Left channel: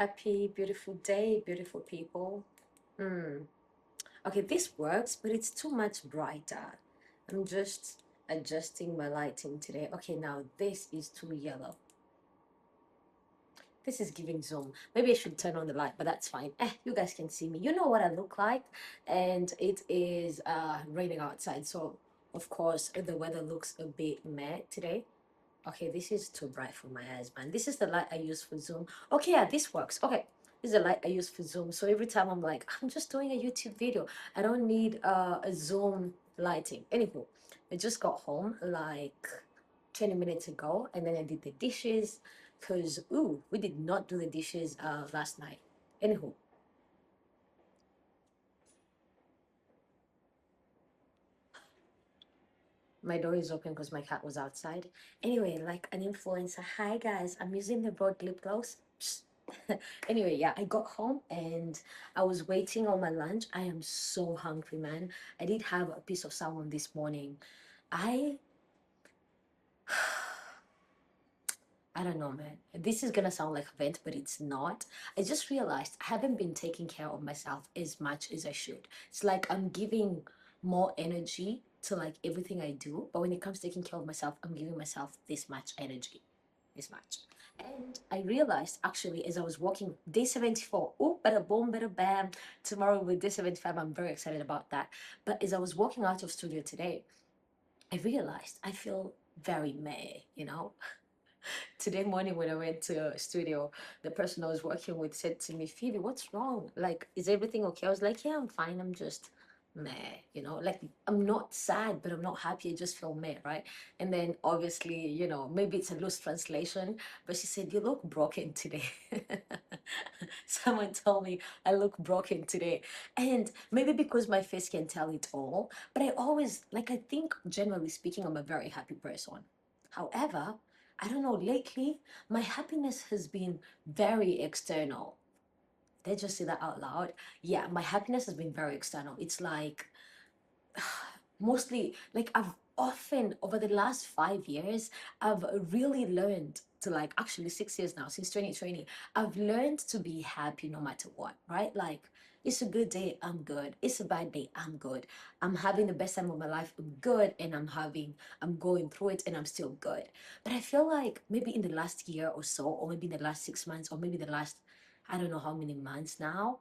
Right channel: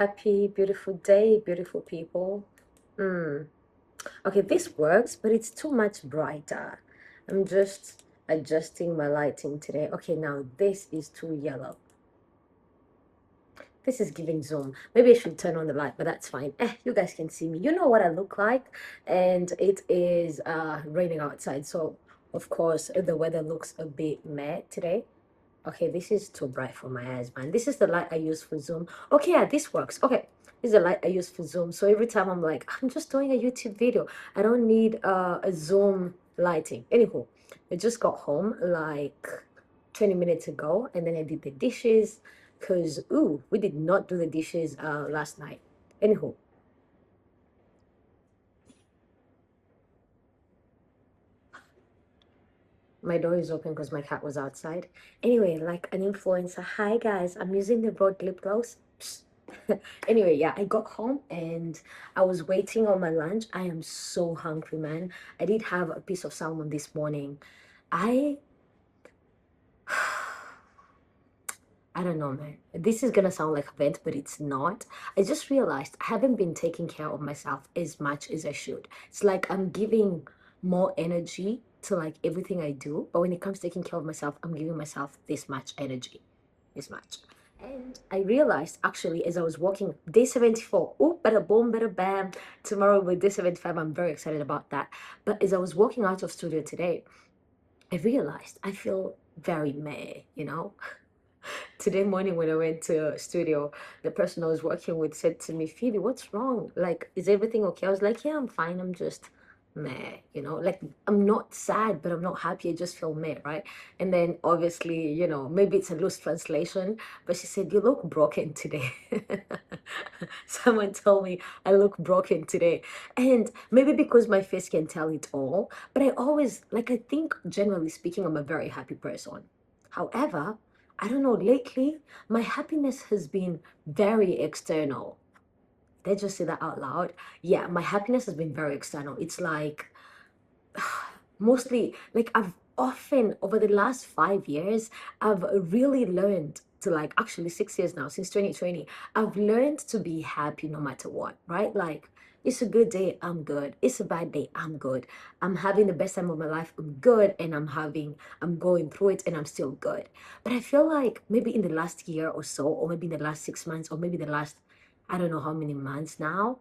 Happy, beautiful day, beautiful people. Hmm. Okay, this works, but it's too much brighter. I'm just adjusting my lighting today. Okay, now this is too yellow. This is giving zoom. Maybe I should turn on the light, but that's fine. You guys can see me. You know what I look like, and it is raining outside, so of course the weather looks a bit meh today. Okay, this is too bright for my eyes, man. This is the light I use for Zoom. Okay, yeah, this works. Okay, this is the light I use for Zoom. So every time I'm like, I'm just doing a YouTube video. I don't need a Zoom lighting. Anywho, I just got home like 20 minutes ago, and then I did the dishes because, ooh, we did not do the dishes last night. Anywho, my door is open because my cat was outside. Anyway, like an influencer. Hi guys, I'm using the broad lip gloss. Psst. Anyway, yeah, I got home and I was waiting on my lunch. I am so hungry, man. I did have a piece of salmon this morning. I I don't know, man. This is gonna sound like a vent, but it's not. I just realized I haven't been taking care of myself as much as I should. It's like I'm giving more energy to like everything I do, but when it comes to taking care of myself, I'm giving myself this much energy, this much. And I realized actually as I was walking, day 74, oh, bada boom, bada bam. Tomorrow with day 75, I'm very excited about that. But as I was walking out of studio today, I realized I feel very meh. Today morning when I went to studio, the person I was working with said to me, Phoebe, what's wrong? Like, is everything okay? I was like, yeah, I'm fine. I'm just meh. Like I'm not sad, but I'm not happy. I just feel meh, right? And then obviously, maybe it's a loose translation, but she said, you look broken today. Someone told me I look broken today. And maybe because my face can tell it all, but I always, like, I think generally speaking, I'm a very happy person. However, I don't know, lately, my happiness has been very external. Did I just say that out loud? Yeah, my happiness has been very external. It's like, mostly, like, I've often, over the last 5 years, I've really learned to, like, actually 6 years now, since 2020, I've learned to be happy no matter what, right? Like, it's a good day, I'm good. It's a bad day, I'm good. I'm having the best time of my life, I'm good. And I'm going through it and I'm still good. But I feel like maybe in the last year or so, or maybe in the last 6 months, or maybe the last, I don't know how many months now,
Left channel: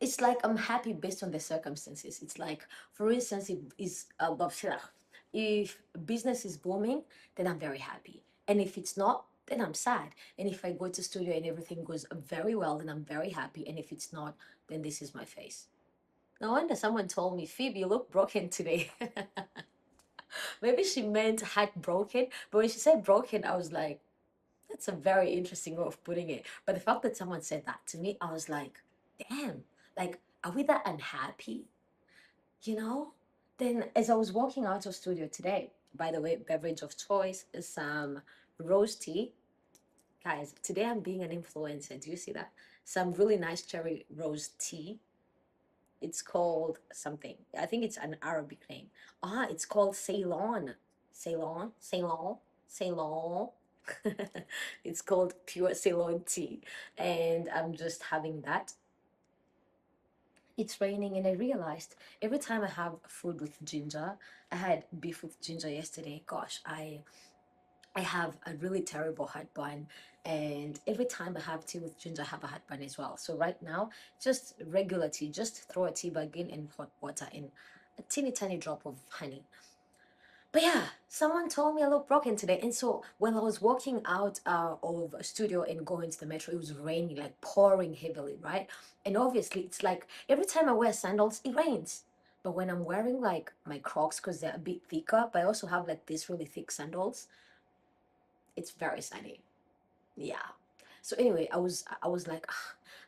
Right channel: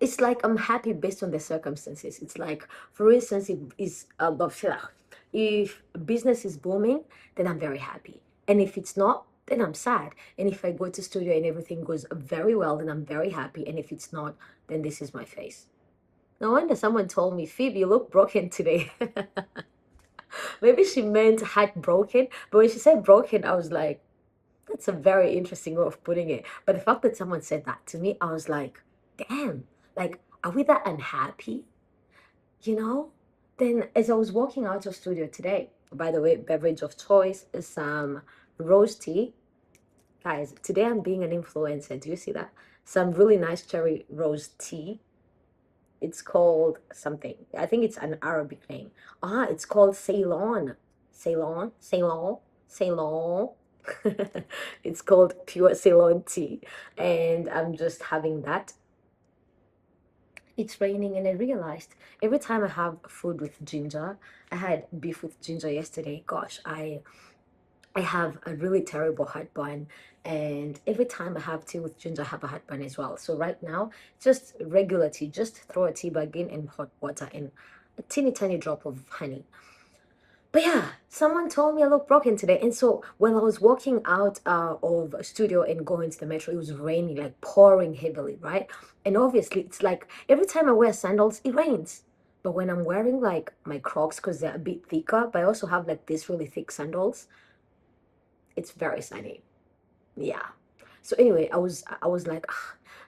it's like I'm happy based on the circumstances. It's like, for instance, if business is booming, then I'm very happy. And if it's not, then I'm sad. And if I go to studio and everything goes very well, then I'm very happy. And if it's not, then this is my face. No wonder someone told me, Phoebe, you look broken today. Maybe she meant heartbroken, but when she said broken, I was like, that's a very interesting way of putting it. But the fact that someone said that to me, I was like, damn, like, are we that unhappy? You know? Then as I was walking out of studio today, by the way, beverage of choice is some rose tea. Guys, today I'm being an influencer. Do you see that? Some really nice cherry rose tea. It's called something. I think it's an Arabic name. It's called Ceylon. Ceylon, Ceylon, Ceylon. It's called pure Ceylon tea. And I'm just having that. It's raining, and I realized every time I have food with ginger, I had beef with ginger yesterday. Gosh, I have a really terrible heartburn, and every time I have tea with ginger, I have a heartburn as well. So right now, just regular tea, just throw a tea bag in hot water and a teeny tiny drop of honey. But yeah, someone told me I look broken today. And so when I was walking out of a studio and going to the metro, it was raining, like pouring heavily, right? And obviously, it's like every time I wear sandals, it rains. But when I'm wearing like my Crocs, because they're a bit thicker, but I also have like these really thick sandals, it's very sunny. Yeah. So anyway, I was like,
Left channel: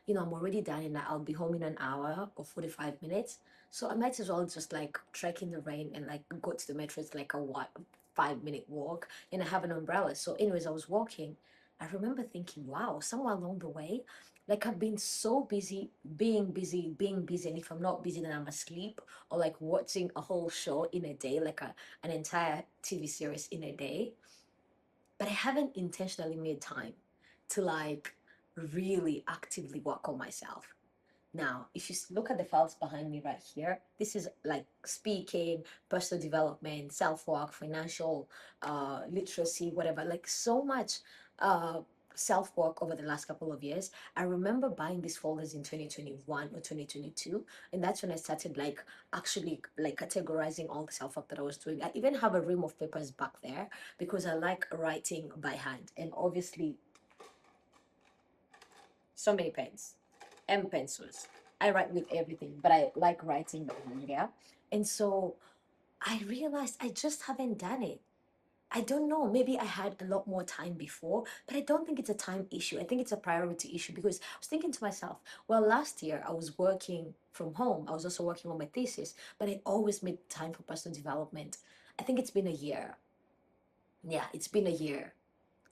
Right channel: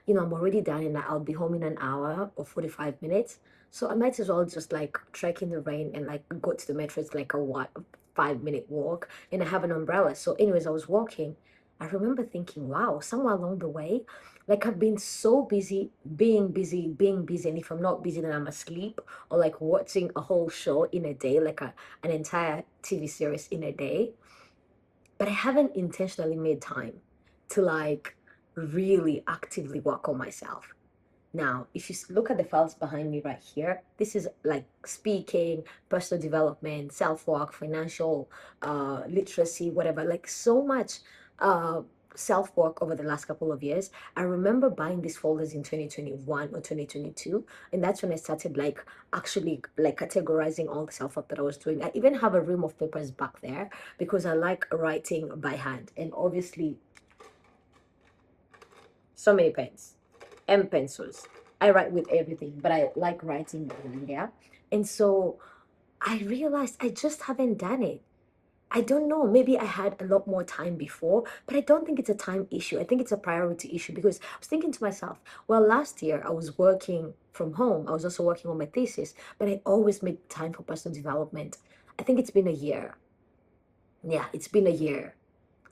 I'm already done and I'll be home in an hour or 45 minutes. So I might as well just like trek in the rain and like go to the metro. It's like a what 5 minute walk and I have an umbrella. So anyways, I was walking. I remember thinking, wow, somewhere along the way, like I've been so busy, being busy, being busy. And if I'm not busy, then I'm asleep or like watching a whole show in a day, like an entire TV series in a day, but I haven't intentionally made time to like really actively work on myself. Now, if you look at the files behind me right here, this is like speaking, personal development, self-work, financial literacy, whatever, like so much uh, self-work over the last couple of years. I remember buying these folders in 2021 or 2022, and that's when I started like actually like categorizing all the self-work that I was doing. I even have a ream of papers back there because I like writing by hand, and obviously so many pens and pencils. I write with everything, but I like writing by hand, yeah. And so I realized I just haven't done it. I don't know, maybe I had a lot more time before, but I don't think it's a time issue. I think it's a priority issue because I was thinking to myself, well, last year I was working from home. I was also working on my thesis, but I always make time for personal development. I think it's been a year. Yeah, it's been a year.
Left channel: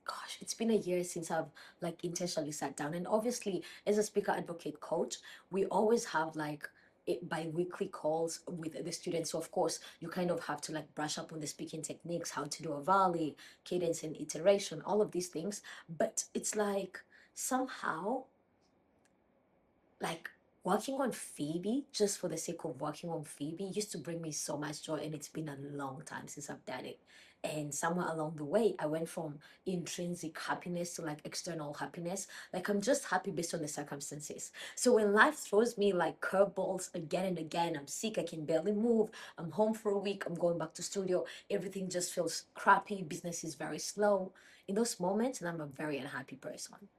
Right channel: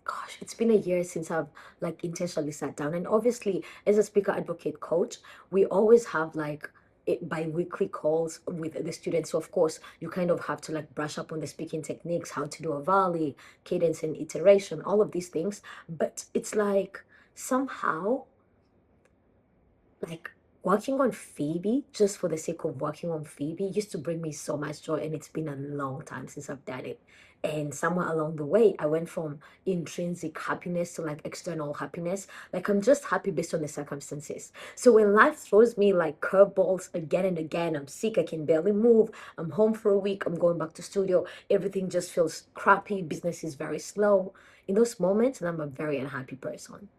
Gosh, it's been a year since I've like intentionally sat down. And obviously, as a speaker advocate coach, we always have like bi-weekly calls with the students. So of course, you kind of have to like brush up on the speaking techniques, how to do a volley, cadence and iteration, all of these things. But it's like somehow like working on Phoebe just for the sake of working on Phoebe used to bring me so much joy, and it's been a long time since I've done it. And somewhere along the way, I went from intrinsic happiness to like external happiness. Like I'm just happy based on the circumstances. So when life throws me like curveballs again and again, I'm sick, I can barely move, I'm home for a week, I'm going back to studio, everything just feels crappy, business is very slow. In those moments, and I'm a very unhappy person.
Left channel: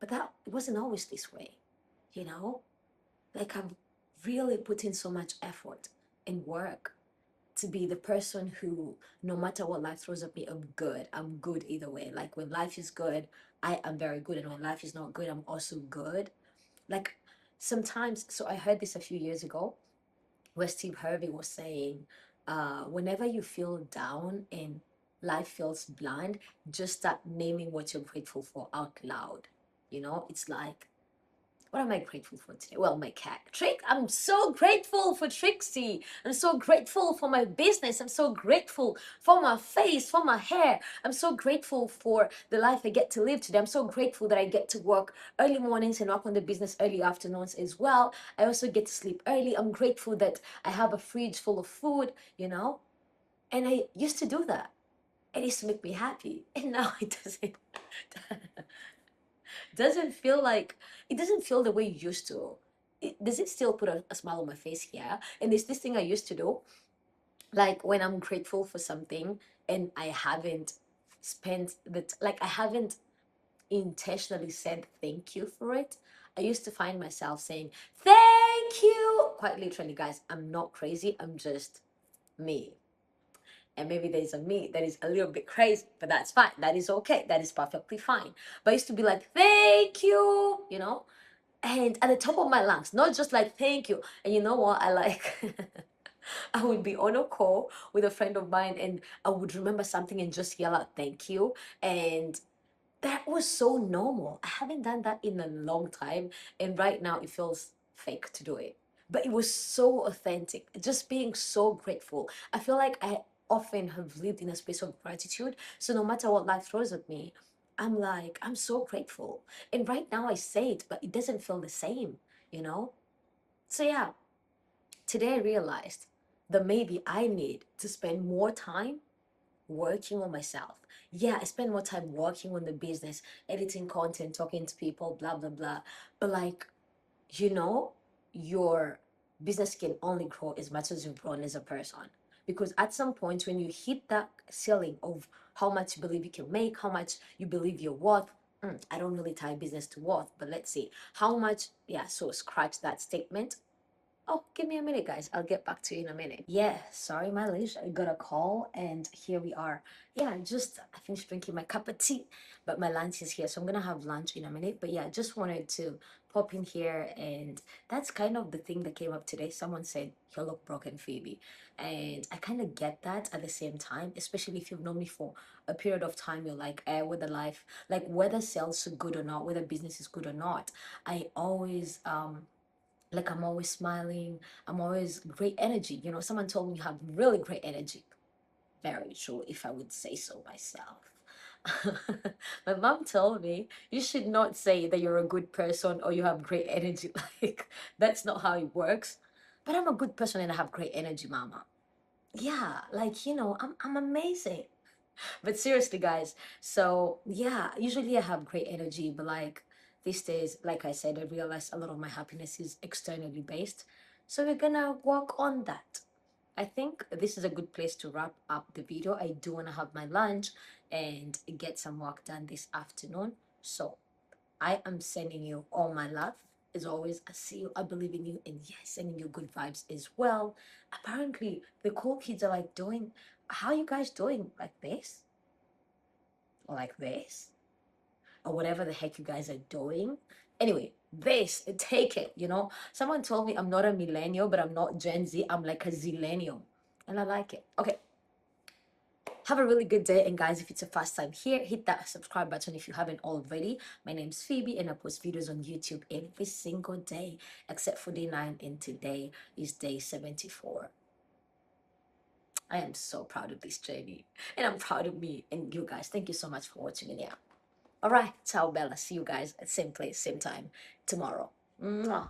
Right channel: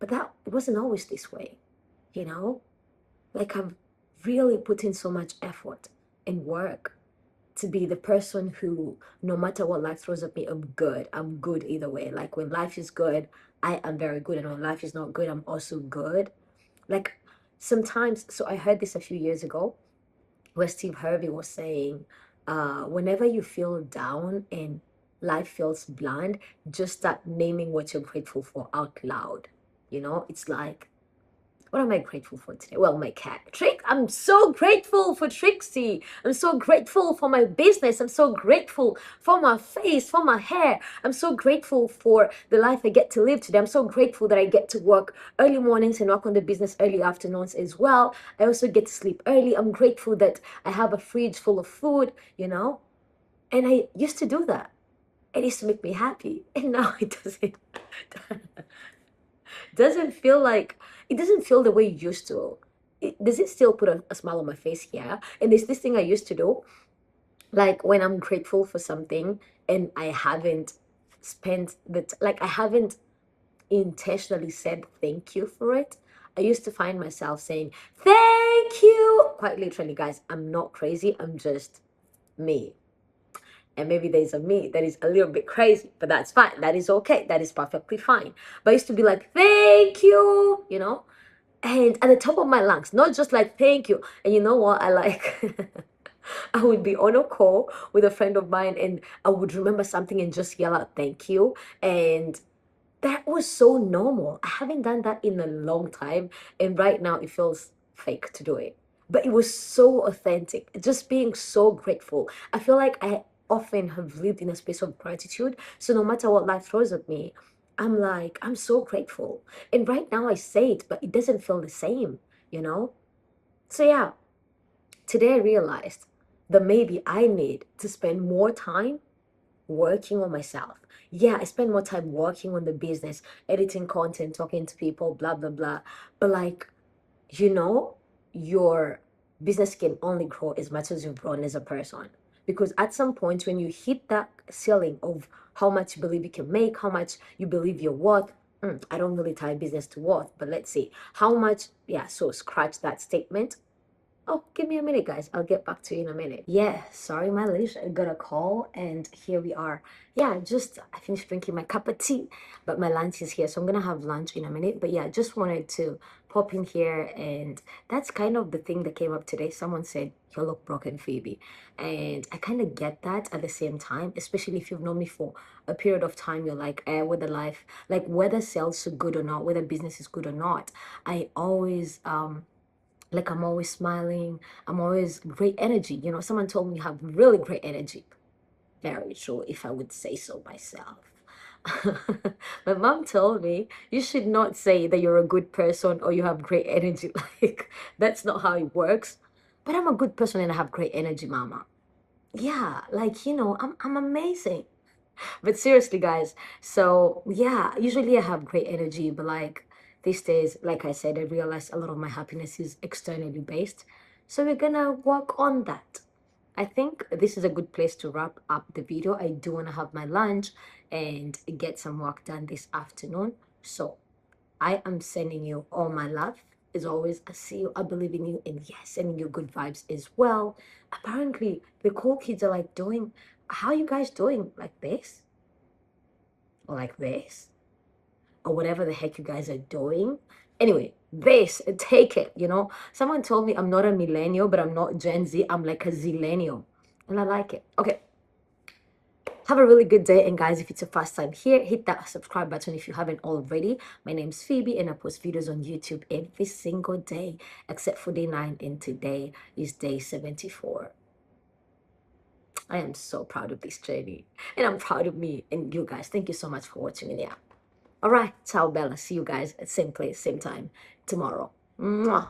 But that it wasn't always this way, you know? Like I've really put in so much effort and work to be the person who, no matter what life throws at me, I'm good. I'm good either way. Like when life is good, I am very good. And when life is not good, I'm also good. Like sometimes, so I heard this a few years ago where Steve Harvey was saying, whenever you feel down and life feels bland, just start naming what you're grateful for out loud. It's like, what am I grateful for today? Well, my cat, Trick. I'm so grateful for Trixie. I'm so grateful for my business. I'm so grateful for my face, for my hair. I'm so grateful for the life I get to live today. I'm so grateful that I get to work early mornings and work on the business early afternoons as well. I also get to sleep early. I'm grateful that I have a fridge full of food. And I used to do that. It used to make me happy. And now it doesn't. doesn't feel like it doesn't feel the way it used to. Does it still put a smile on my face? Yeah. And there's this thing I used to do, like when I'm grateful for something and I haven't spent like I haven't intentionally said thank you for it. I used to find myself saying thank you quite literally, guys. I'm not crazy. I'm just me. And maybe there's a me that is a little bit crazy, but that's fine. That is okay. That is perfectly fine. But I used to be like, thank you, and at the top of my lungs, not just like, thank you. And you know what? I like, I would be on a call with a friend of mine and I would remember something and just yell out, thank you. And that was so normal. I haven't done that in a long time. And right now it feels fake to do it. But it was so authentic, just being so grateful. I feel like I often have lived in a space of gratitude. So no matter what life throws at me, I'm like, I'm so grateful. And right now I say it, but it doesn't feel the same, you know? So yeah, today I realized that maybe I need to spend more time working on myself. Yeah, I spend more time working on the business, editing content, talking to people, blah, blah, blah. But like, you know, your business can only grow as much as you've grown as a person. Because at some point, when you hit that ceiling of how much you believe you can make, how much you believe you're worth, I don't really tie business to worth, but let's see how much. Yeah, so scratch that statement. Oh, give me a minute, guys. I'll get back to you in a minute. Yeah, sorry, my lish. I got a call, and here we are. Yeah, I finished drinking my cup of tea, but my lunch is here, so I'm gonna have lunch in a minute. But yeah, just wanted to pop in here, and that's kind of the thing that came up today. Someone said, "You look broken, Phoebe," and I kind of get that at the same time, especially if you've known me for a period of time. You're like, whether life, like whether sales are good or not, whether business is good or not, I always like I'm always smiling, I'm always great energy. Someone told me you have really great energy. Very true, if I would say so myself. My mom told me you should not say that you're a good person or you have great energy. Like, that's not how it works. But I'm a good person and I have great energy, mama. Yeah, like, I'm amazing. But seriously, guys, so yeah, usually I have great energy, but like these days, like I said, I realized a lot of my happiness is externally based. So we're gonna work on that. I think this is a good place to wrap up the video. I do want to have my lunch and get some work done this afternoon. So I am sending you all my love. As always, I see you, I believe in you, and yes, sending you good vibes as well. Apparently, the cool kids are like doing, how are you guys doing? Like this? Or like this? Or whatever the heck you guys are doing. Anyway, this, take it, Someone told me I'm not a millennial, but I'm not Gen Z. I'm like a zillennial. And I like it. Okay. Have a really good day. And guys, if it's your first time here, hit that subscribe button if you haven't already. My name's Phoebe and I post videos on YouTube every single day, except for day 9. And today is day 74. I am so proud of this journey. And I'm proud of me and you guys. Thank you so much for watching. And yeah. All right. Ciao, Bella. See you guys at same place, same time tomorrow. Mwah.